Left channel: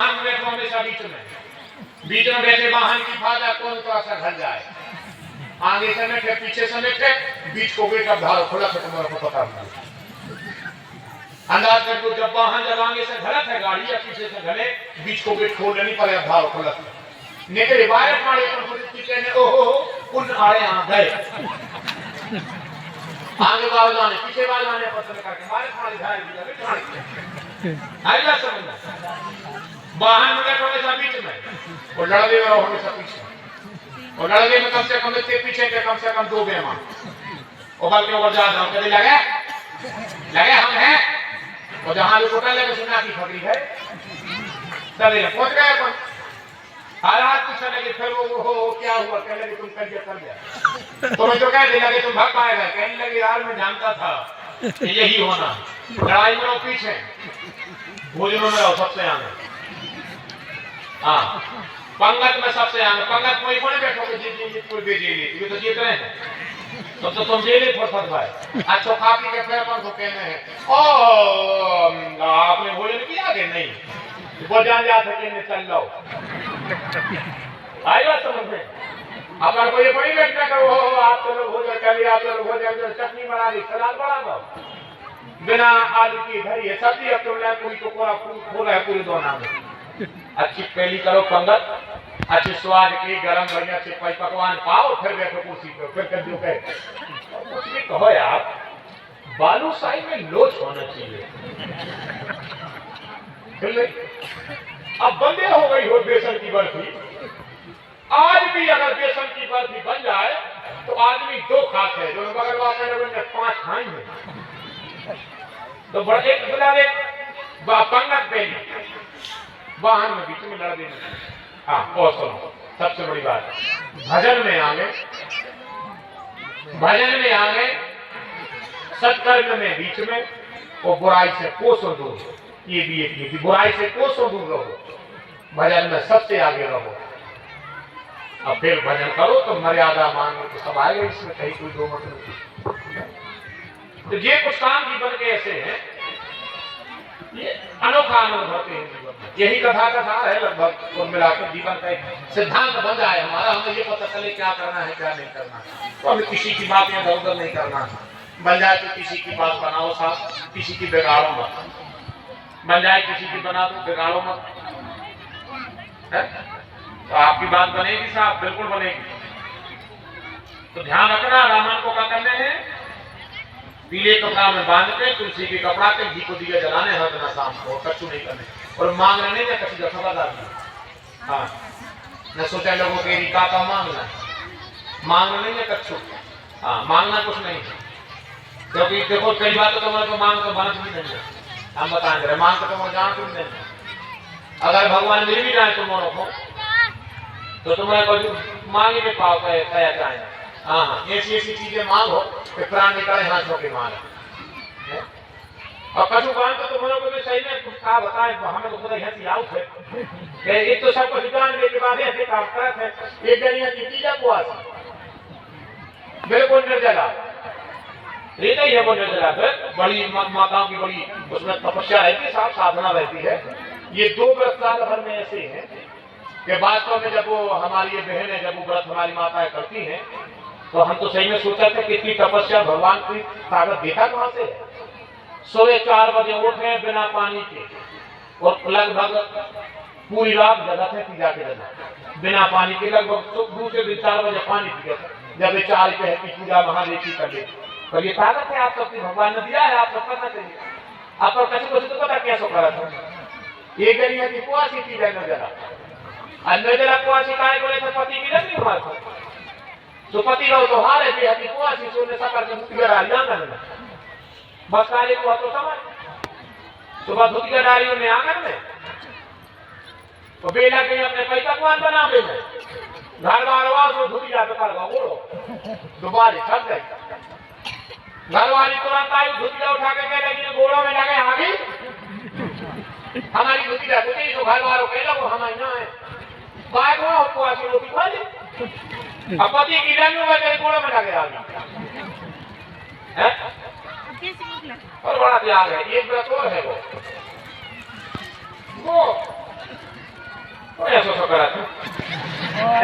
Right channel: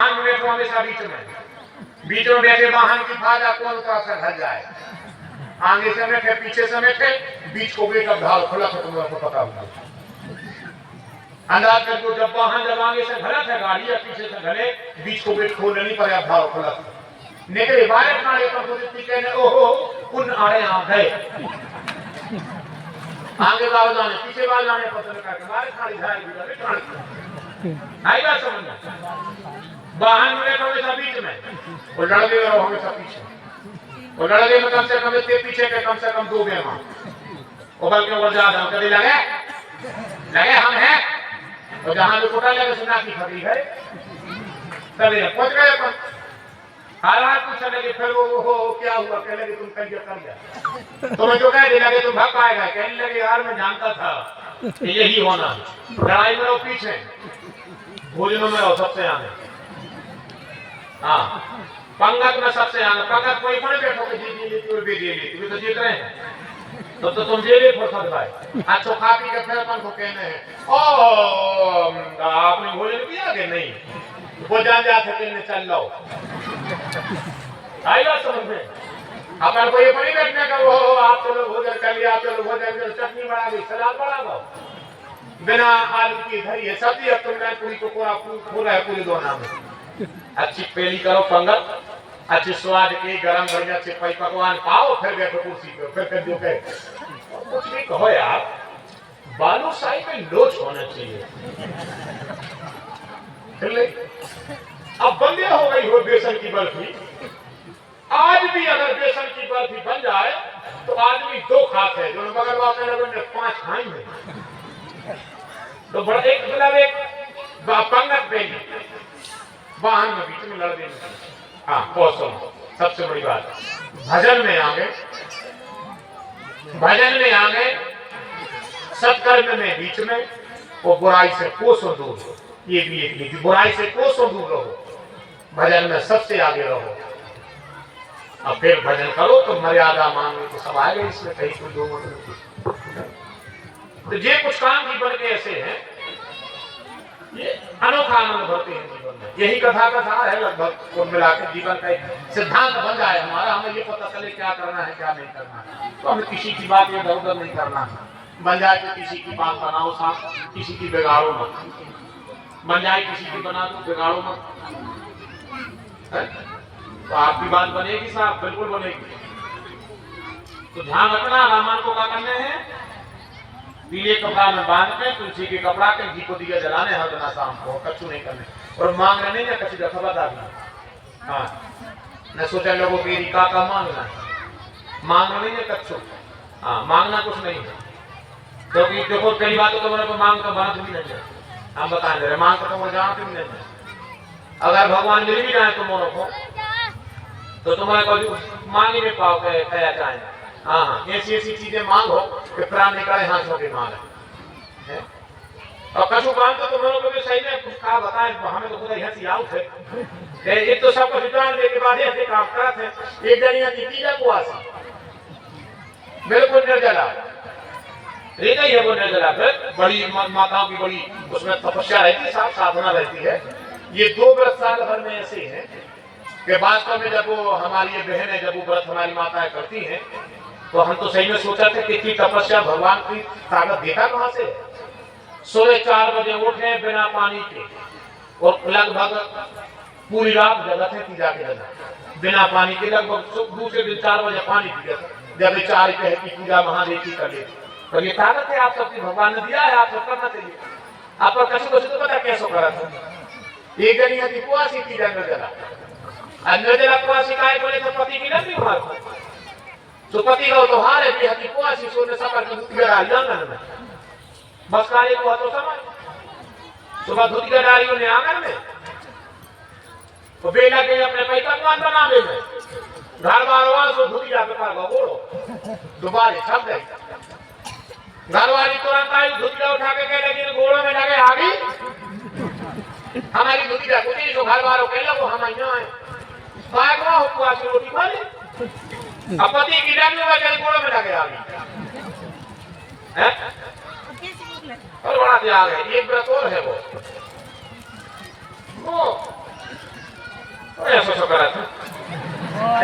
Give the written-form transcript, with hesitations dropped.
तो हमेशा बीच में बैठे वाहन की फायदा कौन सा असर घर जाए। आगे समय थे पीछे समय थे बीच को बेटा धार खुला था तुम्हारे को पता हुआ अंदाज कर को जब वाहन जब आगे से गलत है गाड़ी या पीछे से गले बीच को बेट खोलने नहीं पड़ा धार खुला नेते बारे अपने पर पीछे ने ओहो उन आड़े आ गए आगे गाँव जाने पीछे बाल जाने पसंद करके हमारे खाली धार आएगा समझना वाहन में हमेशा बीच में और डड़वे में हमेशा पीछे और डड़वे में कम से कम इसके पीछे के कम से कम 2 बेमा उबल के और ज्यादा हम करे लगे हम हैं और जहां लोग टोटा लगे सुना की खबरी है चले पहुंच गए अपन हालात पूछने लगे फिर वो क्या हुआ कहने लगे तुम कल कर गया तो मैं जो कहने लगे तुम भाग पाएगा कहने लगे यार मैं जानता था यही होना लड़ाई में वो पीछे भोजनों में रहो सबसे आगे हाँ पंगत में सबसे आगे पंगत कोई कोई बैठो कि जीत ये तो जीत रहे हैं तो तुम जेले फंस भाई अच्छा काफी के फिर अपन तो कहने हैं ओ आपने भोजन किया कि नहीं वो जान जा सके ने चल लो आएगा समझ में अपन को ये बड़ी बैठने का वो आप चलो भोजन कर लिया आप चलो भोजन चटनी बना दी सलाद बना दो बिना आलू की धरी है सब्जी अब तुमने पूरी को पूरा पूरा है पूरी दो नाम अच्छी पहली करो पंगत अच्छे स्वाद के गरम बढ़िया अच्छे पकवान पाओ फिर बैठो कुर्सी पे फिर कर दो कुछ भी कहो यार बालूशाही में लोच होना चाहिए अब बंदे हो गई हो बेसन की बर्फी आज भी अगर बेसन की बर्फी बन जाए तो आदमी 2 खाते हैं जो बगल वाले लोगों ने 5 खाएंगे तो बड़ा एक मतलब एक पंगत देंगे वाहन में बीच में लड़ देंगे हाँ कौशल सबसे बड़ी बात भजन में आगे सत्कर्म में बीच में वो बुराई से कोसों दूर ये भी एक नीति बुराई से कोसों दूर रहो भजन में सबसे आगे रहो अब फिर भजन करो तो मर्यादा मांगो तो सब आएगा इसमें कहीं कोई 2 मतलब तो ये कुछ काम जीवन के ऐसे हैं ये अनोखा आनंद भरते हैं जीवन में यही कथा है लगभग कुल मिलाकर जीवन का एक सिद्धांत बन जाए हमारा हमें ये पता चले क्या करना है क्या नहीं करना है तो हमें किसी की बात इधर उधर नहीं करना है बन जाए तो किसी की बात बनाओ साथ किसी की बिगाड़ो मत बन जाए किसी की बना दो बिगाड़ो मत तो आपकी बात बनेगी साहब बिल्कुल बनेगी तो ध्यान रखना रामायण को क्या करने हैं पीले कपड़ा में बांध के तुलसी के कपड़ा के घी को दिया जलाने हर दिन शाम को कच्चू नहीं करने और मांगना नहीं है कच्ची का खबरदार हाँ न सोचा लोगों के रिका का मांगना नहीं है कच्चू हाँ मांगना कुछ नहीं है क्योंकि देखो कई बात तो तुम्हारे मांग तो बना नहीं है हम बताएं जरा मांग तो तुम जान नहीं है अगर भगवान मिल भी जाए तुम्हारे को तो तुम्हारे को मांगे में पाओ कया चाहे हाँ ऐसी चीजें मांगो कि प्राण निकाले हाथों के मार और कछु काम तो तुम्हारे को भी सही में कुछ कहा बताए हमें तो खुद हंसी आउट है ये तो सब कुछ जान के बाद ऐसे काम करते हैं एक जनिया की चीजा को आसी बिल्कुल निर्जला रहता ही है वो निर्जला फिर बड़ी माताओं की बड़ी उसमें तपस्या रहती है साधना रहती है ये 2 व्रत साल भर में ऐसे हैं कि वास्तव में जब वो हमारी बहन है जब वो व्रत हमारी माताएं करती हैं तो हम तो सही में सोचा था कि इतनी तपस्या भगवान की ताकत देखा कहां से सुबह 4 बजे उठे बिना पानी के और लगभग पूरी रात जगह थे पूजा के दिन बिना पानी के लगभग दूसरे दिन 4 बजे पानी पी जब 4 की पूजा महादेव की कर ले तो ये ताकत है आप सबकी भगवान ने दिया है आप सब करना चाहिए आप पर कसो तो पता कैसे करा था एक जनिया की कुआसी थी जरा अंदर जरा कुआसी काय बोले तो पति की नहीं हमारे तो पति का तो हार है भी हती कुआसी सोने सकर के मुतिया डाल आंगन में बस कार्य को तो समझ सुबह धुतिया डाली ने आंगन में तो बेला के अपने पैसा पकवान बनावे में घर वाला सो धुतिया पे कर गोड़ो दोबारा छप गई घर वाली तुरंत आई धुतिया उठा के कह लगी गोड़ों में लगे आगे हमारी धुतिया कुछ जो घर वालों कह लगो हम यहाँ है बागवा हो कुआसी रोटी खा ले अब पति की डाली में कहीं गोड़ों में लगे आगे हैं और बड़ा त्याग है एक व्रत और है वो ऐसा करा था